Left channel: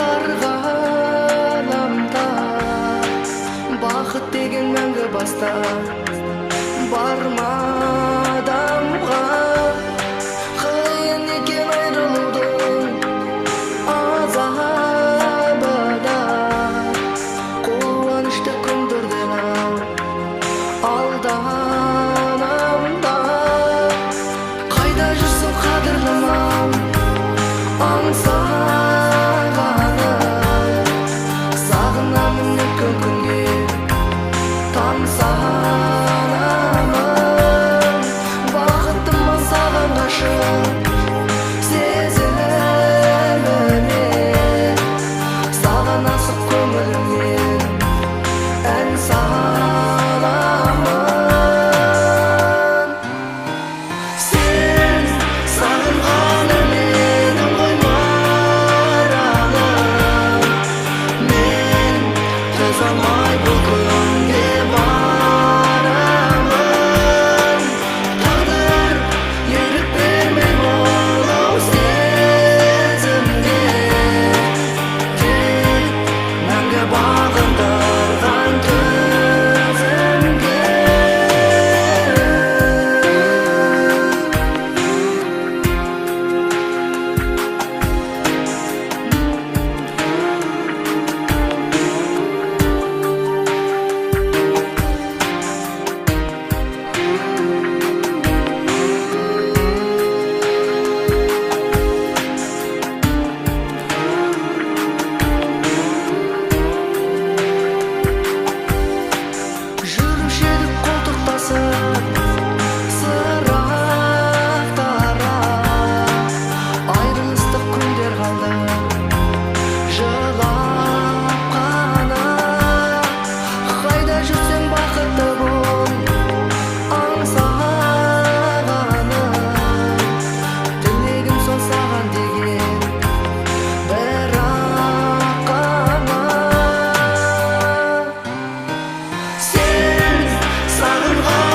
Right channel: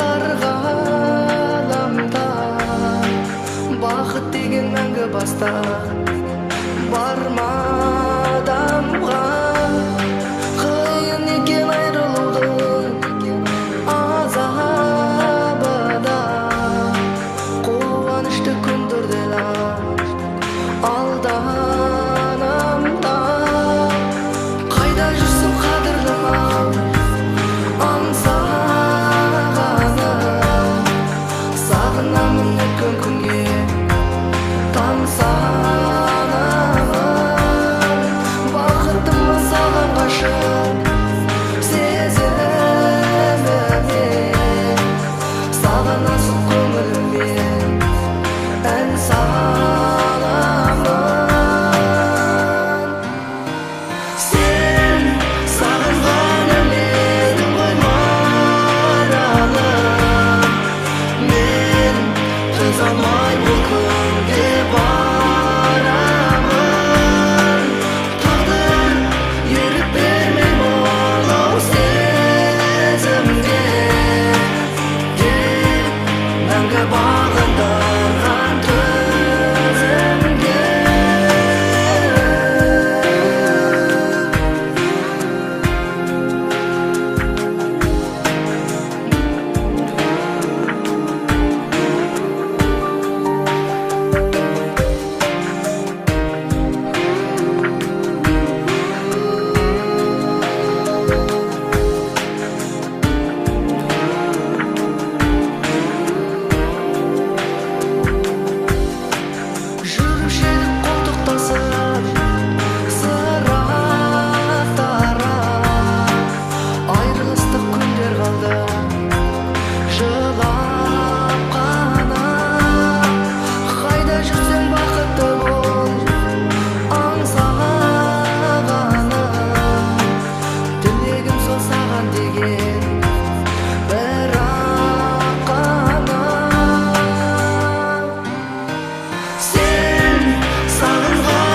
дар ғаламда бақыт деген мәңгі баста бар ма адамға қиын екен айрылудың азабы да қуанышты күндерде алданамда қайда жүрсің қадірлім ау аңсағаным сағынамын өткен күнге тамсанамын бақыттымын саған ғашық сезіміме саған асық көңіліммен ән саламын сен сағынған менің ғой маралым мен төзе алмай бұл күнге барамын тағдыр ерік бермей мынау сезімге тек мәңгі бағындырған төзімге жүруші едік қолтықтасып сырақтара айрылыстық күндер қалды жылап қана қайда жүрсең бақытты бол аңсағаным тілегім сол саған деген бірақ қана сен сағынған